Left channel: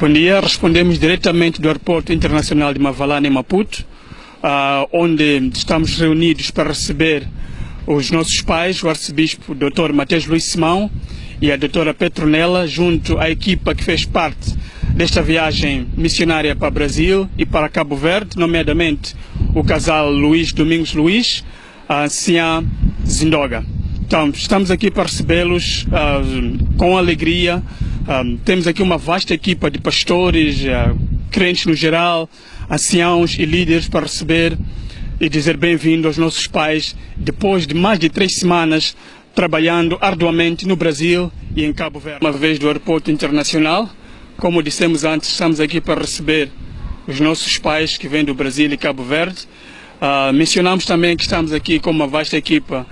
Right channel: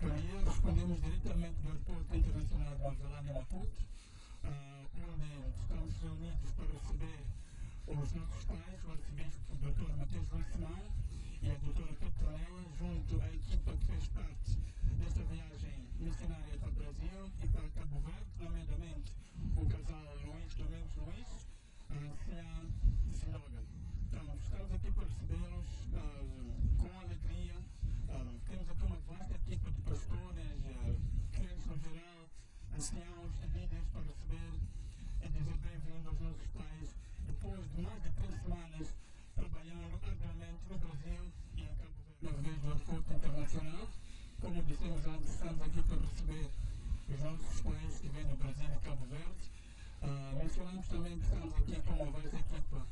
Bom dia, respondemos diretamente do Aeroporto Internacional de Mavalane, em Maputo, onde estamos reunidos para receber os nossos pais, o arcebispo Dr. Matheus Luís Simão e a doutora Petronela, junto à equipa que fez parte desta viagem missionária para o Brasil e para Cabo Verde, nomeadamente o casal Luís Domingos Luís, a anciã Zindoga. Então, estamos aqui para recebê-los com alegria. Temos aqui uma vasta equipa de pastores, crentes no geral, anciãos e líderes para receber e dizer bem-vindo aos nossos pais, depois de mais de 3 semanas trabalhando arduamente no Brasil e em Cabo Verde. Uma vez do Aeroporto Internacional, como dissemos antes, estamos aqui para receber os nossos pais que vêm do Brasil e Cabo Verde. Mencionamos também que estamos aqui com uma vasta equipa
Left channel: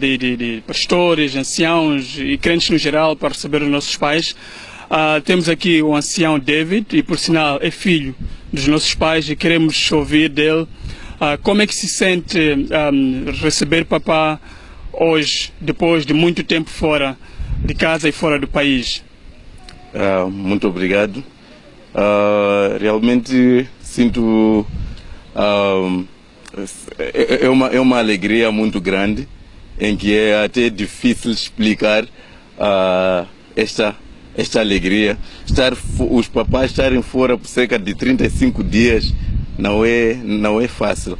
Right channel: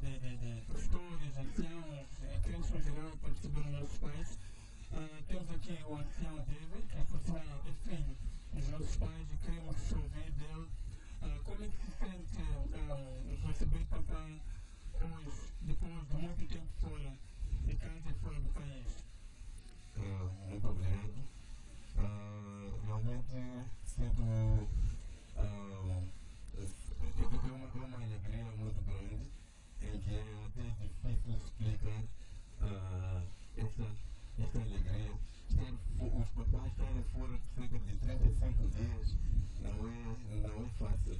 de pastores, anciãos e crentes no geral para receber os nossos pais. Temos aqui o ancião David, e por sinal é filho dos nossos pais, e queremos ouvir dele como é que se sente receber papá hoje, depois de muito tempo fora de casa e fora do país. Muito obrigado. Realmente sinto é uma alegria muito grande, em que é até difícil explicar esta alegria. Os papais estarem fora por cerca de 35 dias não é fácil,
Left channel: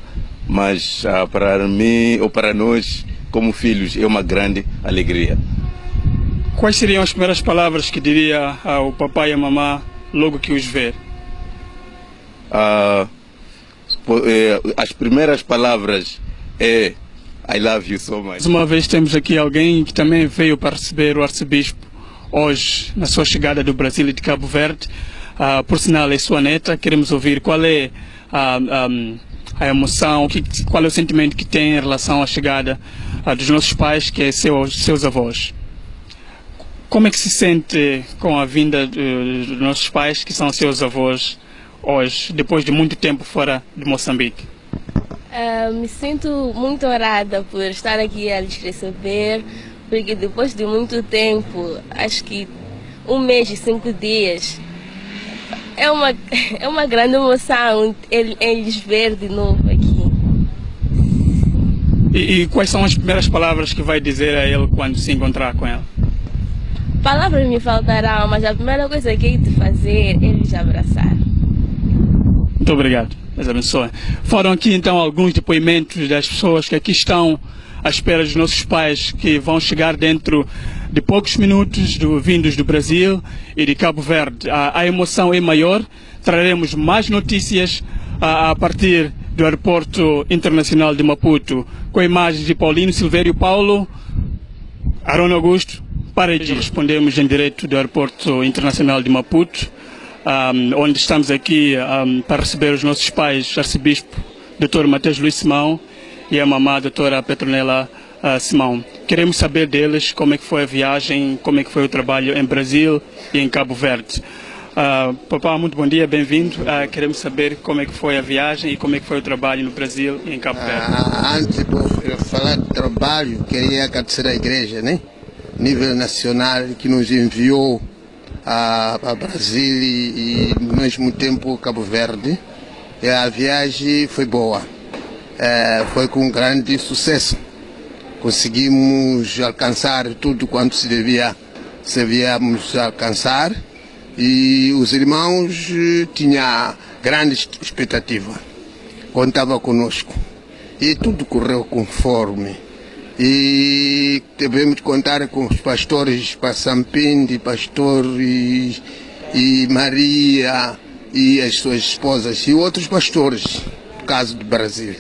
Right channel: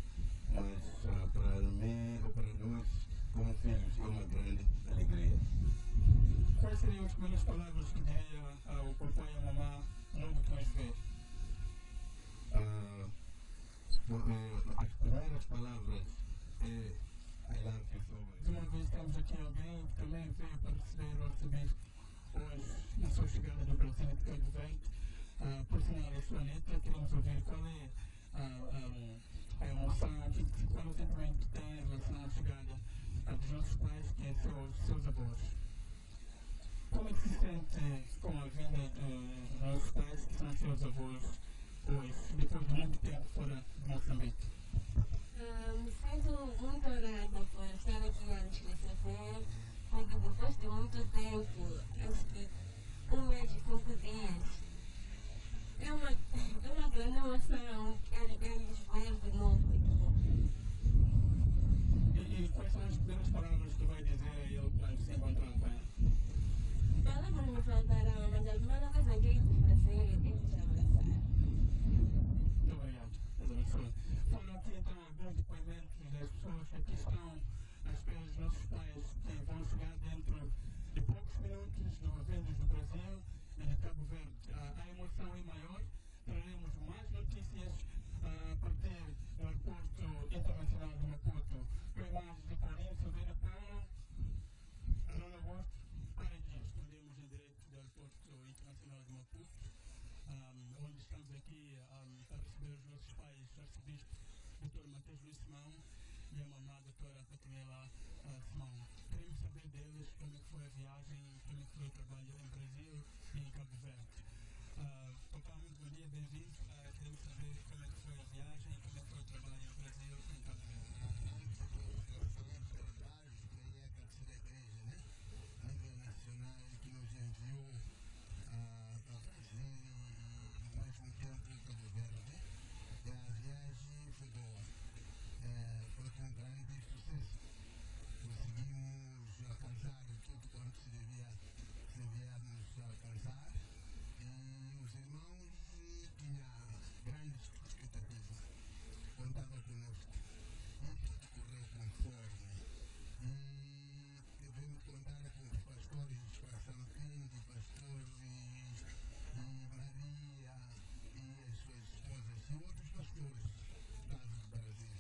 mas para mim ou para nós como filhos é uma grande alegria. Quais seriam as primeiras palavras que diria ao papai e à mamã logo que os ver? As primeiras palavras é I love you so much. Mais uma vez temos aqui alguém que também veio para receber o arcebispo hoje na sua chegada do Brasil e de Cabo Verde. Por sinal é sua neta. Queremos ouvir qual é a emoção, qual é o sentimento que tem em relação à chegada dos nossos pais, que é seus avós. Como é que se sente com a vinda dos nossos pais, que são seus avós, hoje, depois de muito tempo fora de Moçambique? Me sinto muito honrada por estar aqui a lhes receber, porque depois de muito tempo, acho que 1 mês e 5 dias, é uma grande emoção eles ver de novo aqui. E quais são as primeiras palavras que vai dizer a ele quando se encontrar com ele? Palavras me faltarão, mas a primeira coisa que hei de fazer é lhes abraçar. Muito obrigado. Deus abençoe. Foram aqui então alguns depoimentos das pessoas que aqui estão à espera dos nossos pais, que vão chegar dentro de poucos minutos vindos do Brasil e de Cabo Verde. A emoção é maior. Traremos mais notícias a partir do Aeroporto Internacional de Maputo, com imagens de Paulino Silvério Paulo, Arão Augusto, para respondemos em direto do Aeroporto Internacional de Maputo, onde estamos aqui para receber os nossos pais, o arcebispo Dr. Matheus Luís Simão e a mamã a doutora Petronela Simão. Queremos saber deles como é que foi a viagem, como é que foi o trabalho em Brasil e em Cabo Verde. Papá, muito bom dia, bem-vindo. Queremos saber como é que foi a viagem e como é que foi o trabalho no Brasil e em Cabo Verde. Antes de falar de trabalho, queria agradecer à igreja, né? Nível nacional, que nos enviou a Brasil e ao mesmo tempo Cabo Verde. E a viagem foi boa, foi com grande sucesso. Conseguimos alcançar tudo quanto devíamos alcançar, e os irmãos tinham grande expectativa, contavam conosco e tudo correu conforme. E devemos contar com os pastores Passampinde, pastor e Maria e as suas esposas e outros pastores, no caso do Brasil.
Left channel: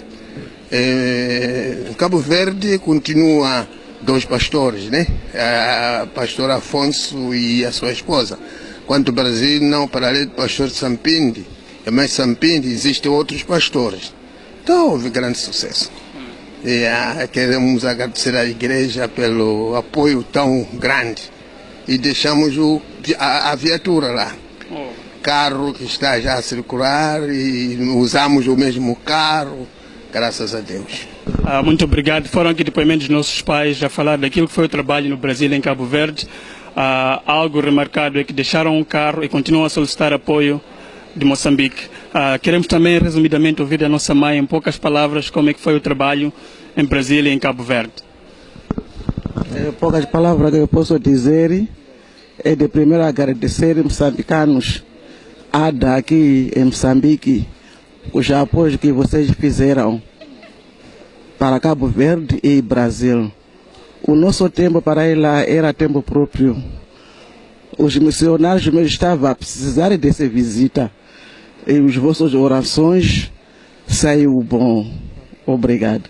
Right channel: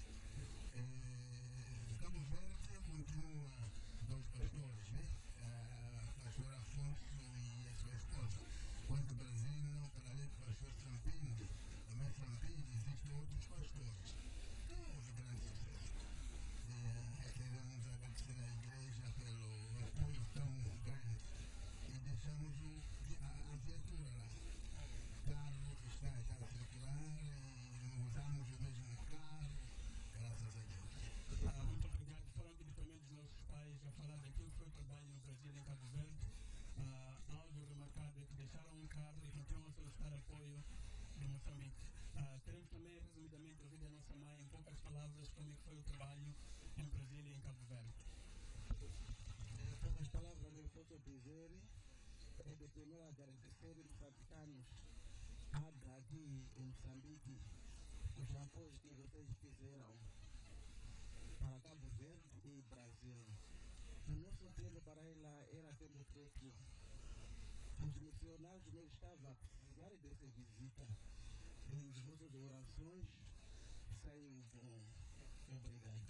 Em Cabo Verde continua 2 pastores, né? O pastor Afonso e a sua esposa. Quanto ao Brasil, não, para além do pastor Sampinde, mas Sampinde existem outros pastores. Então houve grande sucesso. E queremos agradecer à igreja pelo apoio tão grande. E deixamos a viatura lá. Carro que está já a circular, e usamos o mesmo carro, graças a Deus. Muito obrigado. Foram aqui depoimentos dos nossos pais a falar daquilo que foi o trabalho no Brasil e em Cabo Verde. algo remarcado é que deixaram um carro e continuam a solicitar apoio de Moçambique. Queremos também, resumidamente, ouvir da nossa mãe, em poucas palavras, como é que foi o trabalho em Brasília e em Cabo Verde. Poucas palavras que eu posso dizer é de primeiro agradecer moçambicanos aqui em Moçambique os apoios que vocês fizeram para Cabo Verde e Brasil. O nosso tempo para ir lá era tempo próprio. Os missionários mesmo estavam a precisar dessa visita. E as vossas orações saiu bom. Obrigado.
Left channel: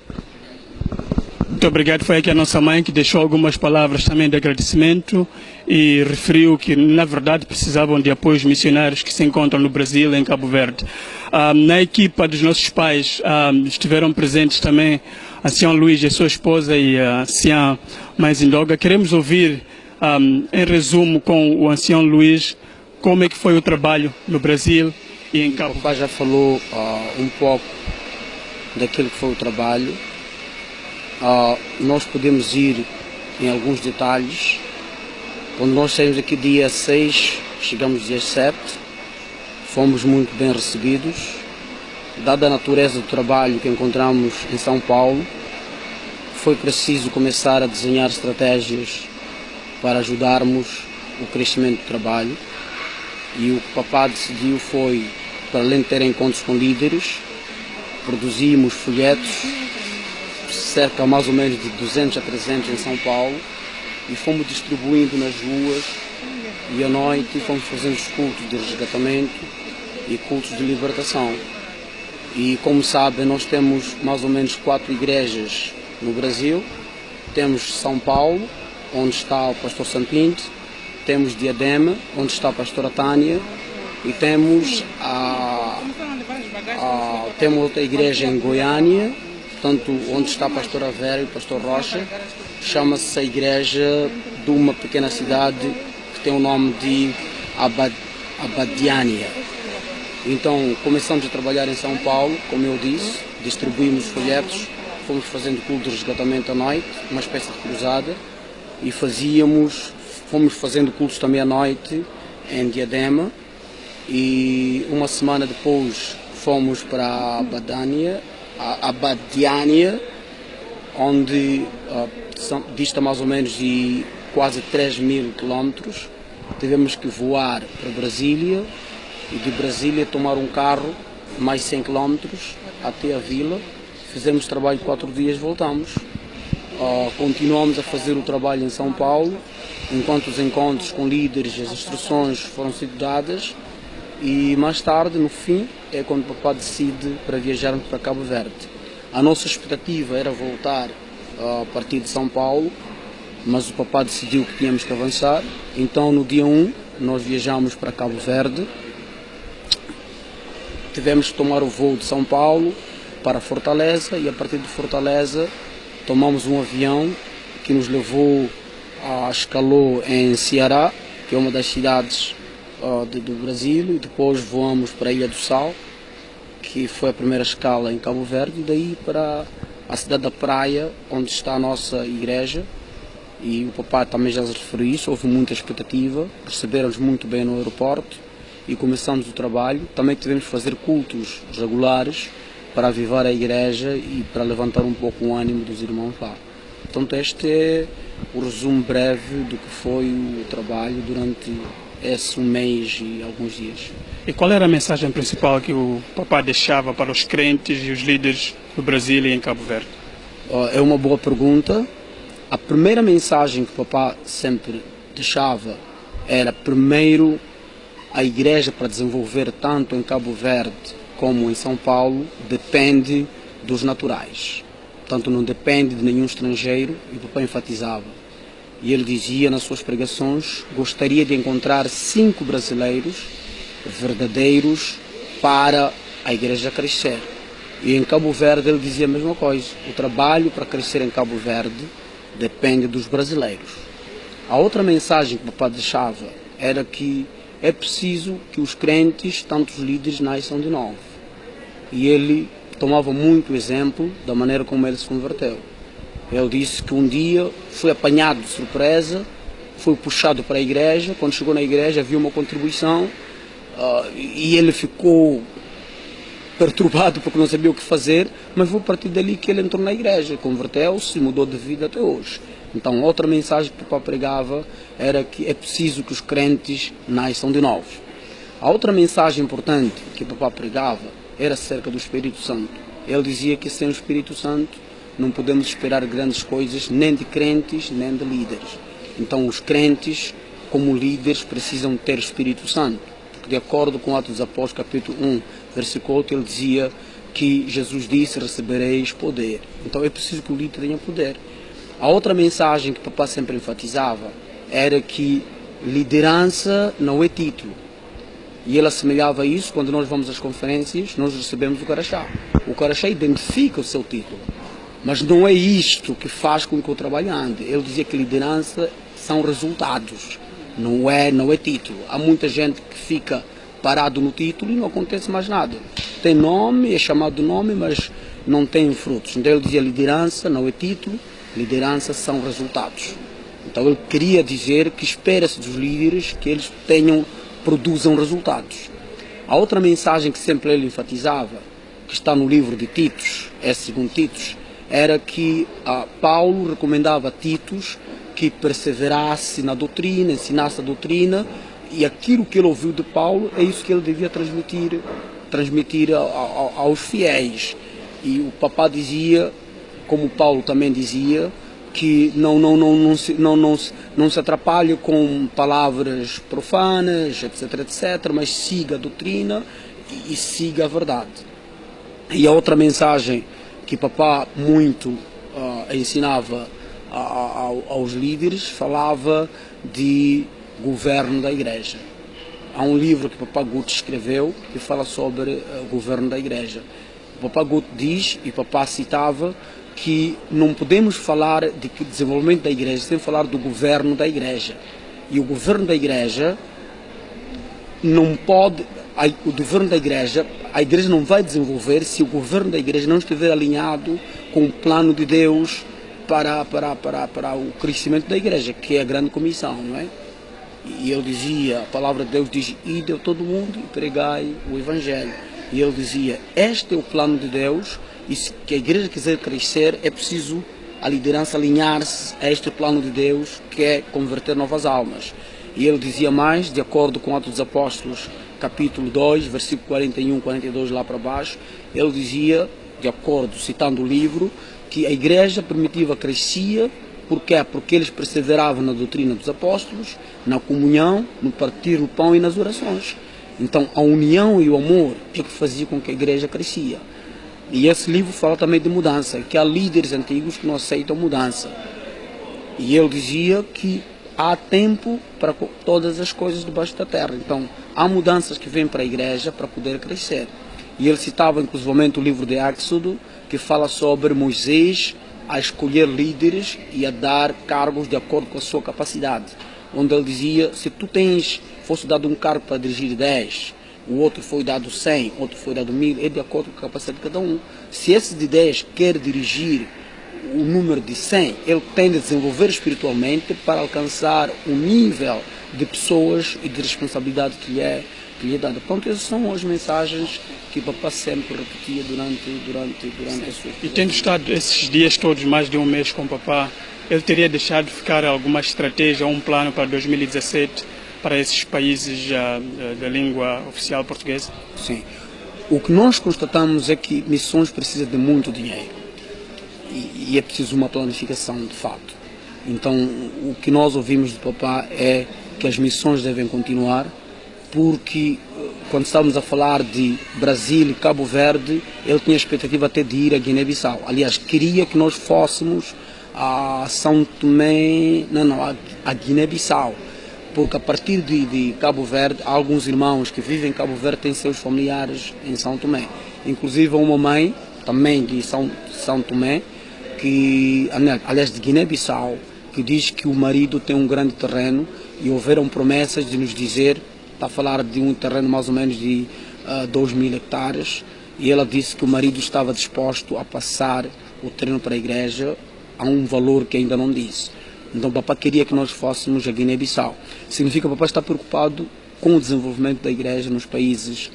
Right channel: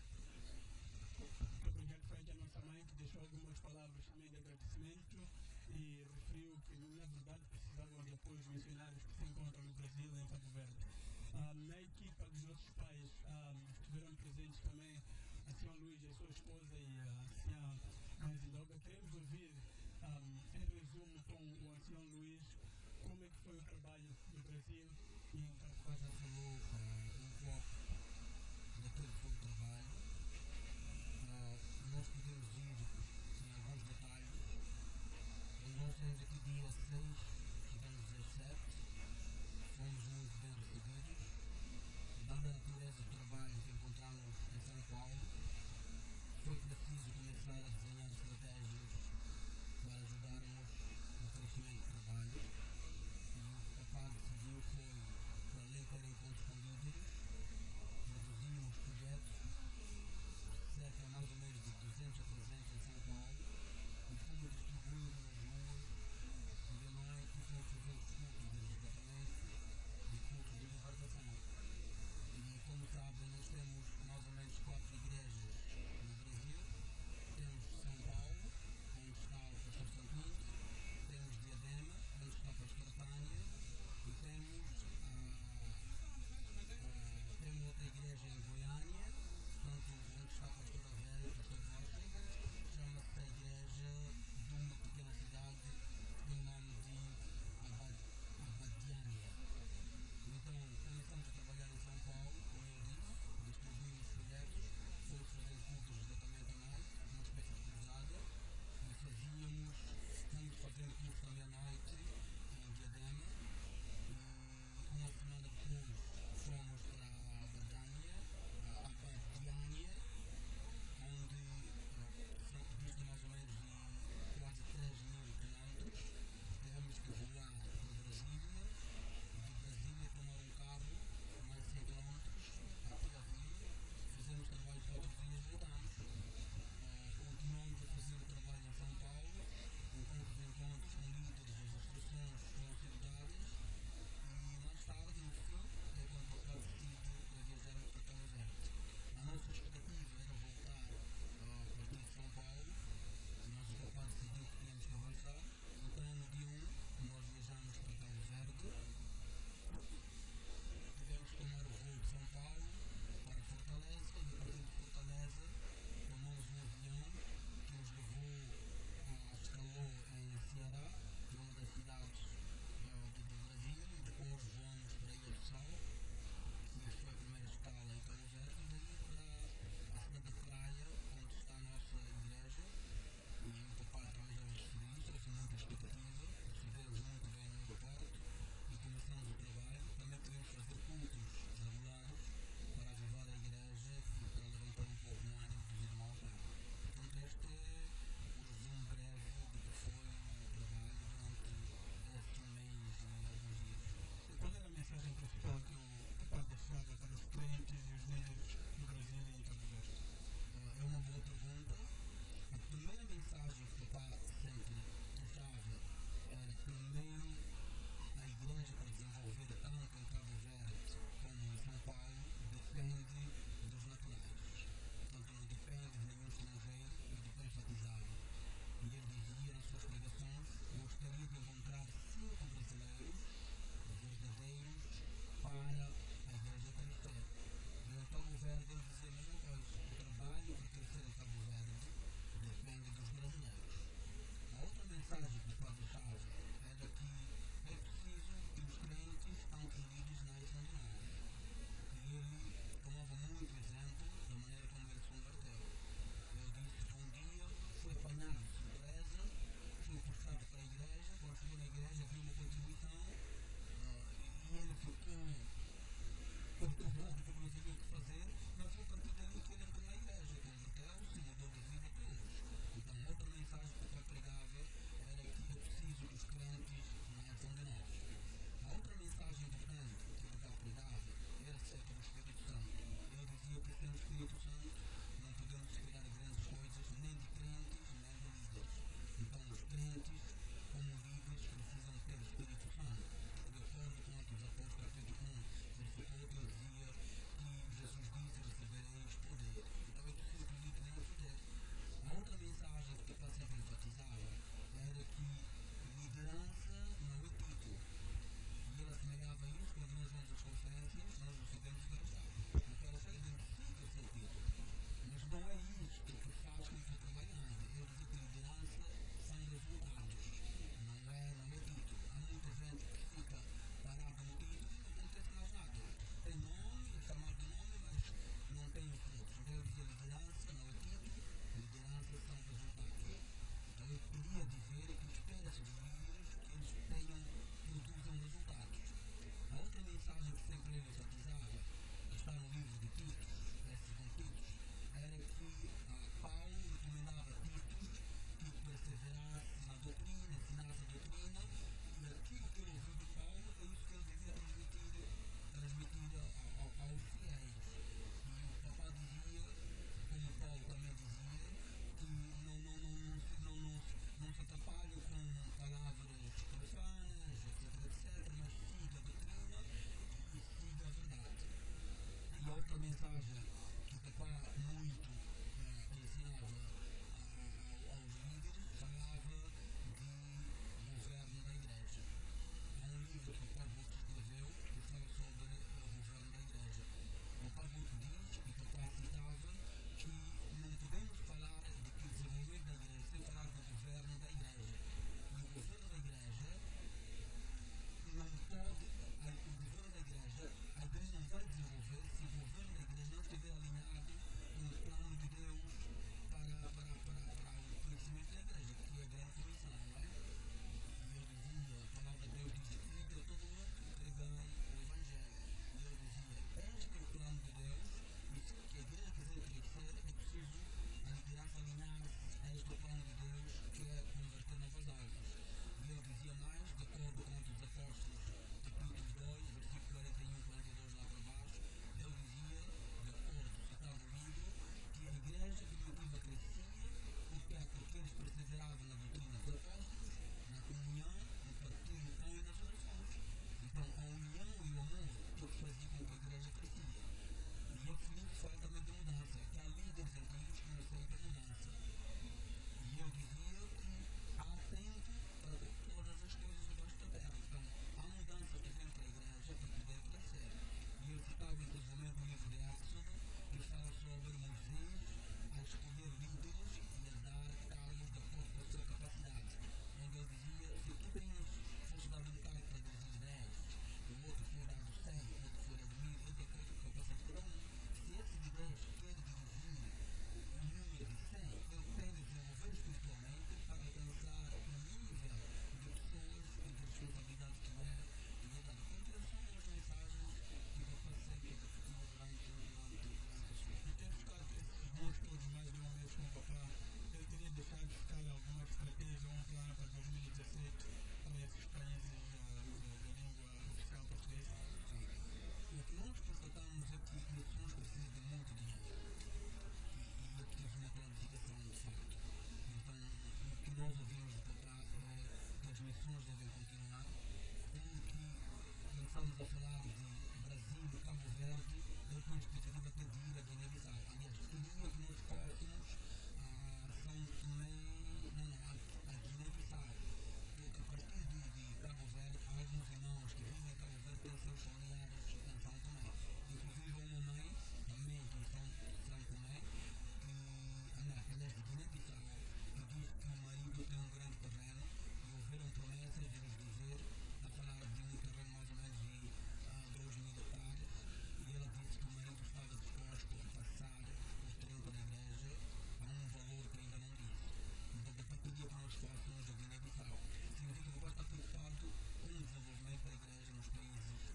Muito obrigado. Foi aqui a nossa mãe que deixou algumas palavras também de agradecimento e referiu que, na verdade, precisavam de apoios missionários que se encontram no Brasil e em Cabo Verde. Na equipa dos nossos pais estiveram presentes também a Sian Luís e a sua esposa e a Sian Maisindoga. Queremos ouvir, em resumo, com o ancião Luís, como é que foi o trabalho no Brasil e em Cabo Verde. O pai já falou um pouco daquilo que foi o trabalho. Nós podemos ir em alguns detalhes. Quando nós saímos aqui dia 6, chegamos dia 7, fomos muito bem recebidos. Dada a natureza do trabalho que encontramos em São Paulo, foi preciso começar a desenhar estratégias para ajudarmos o crescimento do trabalho. E o que o papá decidiu foi, para além de ter encontros com líderes, produzimos folhetos, cerca mais ou menos de 200 a 300 em São Paulo, e fomos distribuindo nas ruas, e à noite fomos fazendo os cultos de resgatamento e cultos de libertação. E como sabem, nós temos mais ou menos 4 igrejas no Brasil. Temos São Paulo, onde está o pastor Sampinte, temos Diadema, onde está a pastora Tânia, e temos temos outra igreja em Goiânia, portanto, onde está a pastora Vera e o pastor Rocha. Chama-se a igreja de uma pequena cidade que tem o nome de Abadiânia. Então, começamos a trabalhar em São Paulo, como eu disse, distribuímos folhetos, fomos fazendo culto de resgatamento à noite, uma espécie de cruzada, e fomos fazendo cultos também à noite em Diadema, e uma semana depois fomos para Abadiânia, onde dista mais ou menos de quase 3.000 quilómetros. Tivemos que voar para Brasília e de Brasília tomar um carro mais 100 quilómetros até a vila. Fizemos trabalho 4 dias, voltamos. Continuamos a fazer o trabalho em São Paulo, enquanto os encontros com líderes, as instruções foram sendo dadas, e mais tarde, no fim, é quando o papá decide para viajarmos para Cabo Verde. A nossa expectativa era voltar a partir de São Paulo, mas o papá decidiu que tínhamos que avançar. Então, no dia 1, nós viajamos para Cabo Verde. Tivemos que tomar o voo de São Paulo para Fortaleza, e a partir de Fortaleza tomamos um avião que nos levou a escalou em Ceará, que é uma das cidades do Brasil, e depois voamos para a Ilha do Sal, que foi a primeira escala em Cabo Verde, e daí para a cidade da Praia, onde está a nossa igreja. E o papai também já se referiu isso, houve muita expectativa, receberam-nos muito bem no aeroporto e começamos o trabalho. Também tivemos que fazer cultos regulares para avivar a igreja e para levantar um pouco o ânimo dos irmãos lá. Portanto, este é o resumo breve do que foi o trabalho durante esse mês e alguns dias. E qual era a mensagem principal que o papá deixava para os crentes e os líderes do Brasil e em Cabo Verde? É uma boa pergunta. A primeira mensagem que o papá sempre deixava era, primeiro, a igreja, para desenvolver tanto em Cabo Verde como em São Paulo, depende dos naturais. Portanto, não depende de nenhum estrangeiro, e o papá enfatizava. E ele dizia nas suas pregações: gostaria de encontrar 5 brasileiros verdadeiros para a igreja crescer. E em Cabo Verde ele dizia a mesma coisa: o trabalho para crescer em Cabo Verde depende dos brasileiros. A outra mensagem que o papá deixava era que é preciso que os crentes, tanto os líderes, nasçam de novo. E ele tomava muito exemplo da maneira como ele se converteu. Ele disse que um dia foi apanhado de surpresa foi puxado para a igreja. Quando chegou na igreja, viu uma contribuição e ele ficou perturbado porque não sabia o que fazer, mas foi a partir dali que ele entrou na igreja, converteu-se e mudou de vida até hoje. Então, outra mensagem que o Papa pregava era que é preciso que os crentes nasçam de novo. A outra mensagem importante que o Papa pregava era acerca do Espírito Santo. Ele dizia que sem o Espírito Santo não podemos esperar grandes coisas, nem de crentes, nem de líderes. Então, os crentes, como líderes, precisam ter Espírito Santo. Porque, de acordo com Atos dos Apóstolos, capítulo 1, versículo 8, ele dizia que Jesus disse, recebereis poder. Então, é preciso que o líder tenha poder. A outra mensagem que o Papa sempre enfatizava era que liderança não é título. E ele assemelhava isso quando nós vamos às conferências, nós recebemos o Carachá. O Carachá identifica o seu título, mas não é isto que faz com que o trabalho ande. Ele dizia que liderança são resultados, não é título. Há muita gente que fica parado no título e não acontece mais nada. Tem nome, é chamado de nome, mas não tem frutos. Então ele dizia liderança não é título, liderança são resultados. Então ele queria dizer que espera-se dos líderes que eles produzam resultados. A outra mensagem que sempre ele enfatizava, que está no livro de Titos, segundo Titos, era que Paulo recomendava a Titos que perseverasse na doutrina, ensinasse a doutrina, e aquilo que ele ouviu de Paulo é isso que ele devia transmitir aos fiéis. E o Papa dizia, como Paulo também dizia, que não se atrapalhe com palavras profanas, etc, mas siga a doutrina e siga a verdade. E a outra mensagem que o Papa muito ensinava aos líderes, falava de governo da igreja. Há um livro que o Papa Guto escreveu que fala sobre o governo da igreja. O Papa Guto diz, e o Papa citava, que não podemos falar de desenvolvimento da igreja sem falar do governo da igreja. E o governo da igreja não pode, o governo da igreja, a igreja não vai desenvolver se o governo da igreja não estiver alinhado com o plano de Deus para o crescimento da igreja, que é a grande comissão, não é? E ele dizia, a palavra de Deus diz, ide a todo mundo e pregai o evangelho. E ele dizia, este é o plano de Deus, e se a igreja quiser crescer, é preciso a liderança alinhar-se a este plano de Deus, que é converter novas almas. E ele dizia mais, de acordo com Atos dos Apóstolos, capítulo 2, versículo 41, 42, lá para baixo, ele dizia, de acordo, citando o livro, que a igreja primitiva crescia, porque eles perseveravam na doutrina dos apóstolos, na comunhão, no partir do pão e nas orações. Então, a união e o amor é que fazia com que a igreja crescia. E esse livro fala também de mudança, que há líderes antigos que não aceitam mudança. E ele dizia que há tempo para todas as coisas debaixo da terra. Então, há mudanças que vêm para a igreja para poder crescer. E ele citava, inclusivamente, o livro de Éxodo, que fala sobre Moisés a escolher líderes e a dar cargos de acordo com a sua capacidade. Onde ele dizia, se tu fosse dado um cargo para dirigir 10, o outro foi dado 100, outro foi dado 1000, é de acordo com a capacidade de cada um. Se esse de 10 quer dirigir o número de 100, ele tem de desenvolver espiritualmente para alcançar um nível de pessoas e de responsabilidade que lhe é dada. Portanto, essas são as mensagens que o Papa sempre repetia durante a sua vida. E tendo estado esses dias todos, mais de um mês com o Papa, ele teria deixado de ficar alguma estratégia ou um plano para 2017 para esses países da língua oficial portuguesa? Sim. O que nós constatamos é que missões precisam de muito dinheiro e é preciso uma planificação de fato. Então, o que nós ouvimos do Papa é que as missões devem continuar, porque quando estávamos a falar de Brasil e Cabo Verde, ele tinha a expectativa até de ir a Guiné-Bissau. Aliás, queria que nós fôssemos a São Tomé, a Guiné-Bissau, porque a partir de Cabo Verde, há alguns irmãos que vivem em Cabo Verde têm seus familiares em São Tomé. Inclusive uma mãe, também de São Tomé, aliás de Guiné-Bissau, que diz que o marido tem um grande terreno e houveram promessas de nos dizer, está a falar de um terreno mais ou menos de 2.000 hectares, e ela disse que o marido estava disposto a passar o terreno para a igreja a um valor que ainda não disse. Então o papá queria que nós fôssemos a Guiné-Bissau. Significa que o papá está preocupado com o desenvolvimento da igreja nos países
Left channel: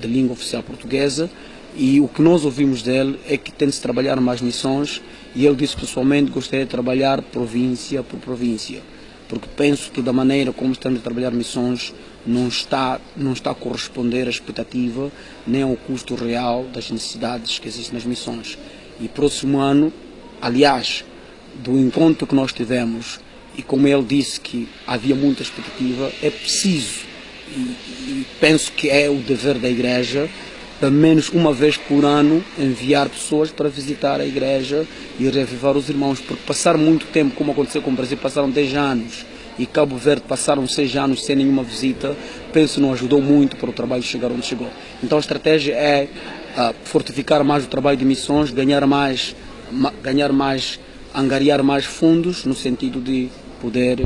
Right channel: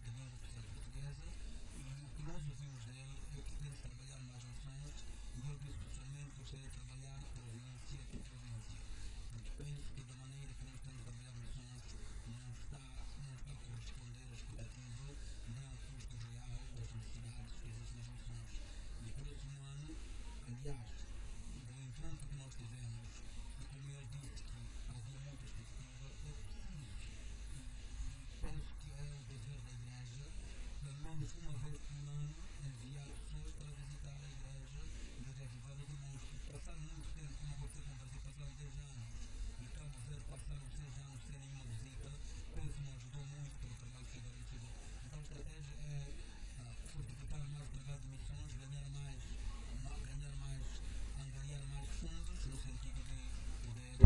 de língua oficial portuguesa, e o que nós ouvimos dele é que tem de se trabalhar mais missões, e ele disse que pessoalmente gostaria de trabalhar província por província, porque penso que da maneira como estamos a trabalhar missões não está a corresponder à expectativa nem ao custo real das necessidades que existem nas missões. E próximo ano, aliás, do encontro que nós tivemos, e como ele disse que havia muita expectativa, é preciso, e penso que é o dever da igreja, pelo menos uma vez por ano, enviar pessoas para visitar a igreja e reavivar os irmãos, porque passar muito tempo, como aconteceu com o Brasil, passaram 10 anos, e Cabo Verde passaram 6 anos sem nenhuma visita, penso não ajudou muito para o trabalho chegar onde chegou. Então a estratégia é fortificar mais o trabalho de missões, angariar mais fundos, no sentido de poder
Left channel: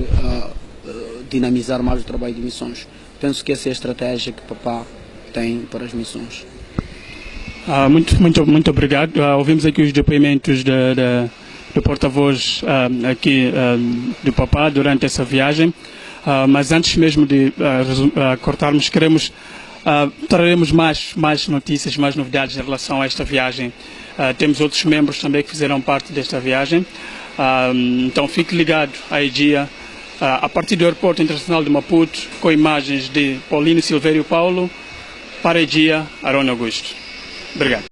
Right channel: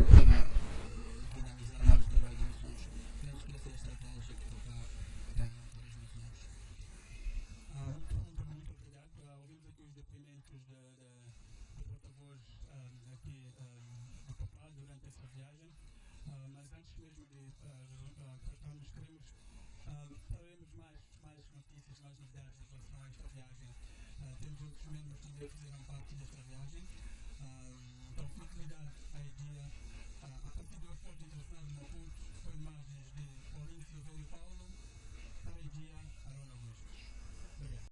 dinamizar mais o trabalho de missões. Penso que essa é a estratégia que o papá tem para as missões. Muito obrigado. Ouvimos aqui os depoimentos do porta-voz aqui do papá durante essa viagem, mas antes mesmo de cortarmos, traremos mais notícias, mais novidades em relação a esta viagem. Temos outros membros também que fizeram parte desta viagem, então fique ligado à EGIA a partir do Aeroporto Internacional de Maputo, com imagens de Paulino Silvério Paulo para a EGIA Arona Augusto. Obrigado.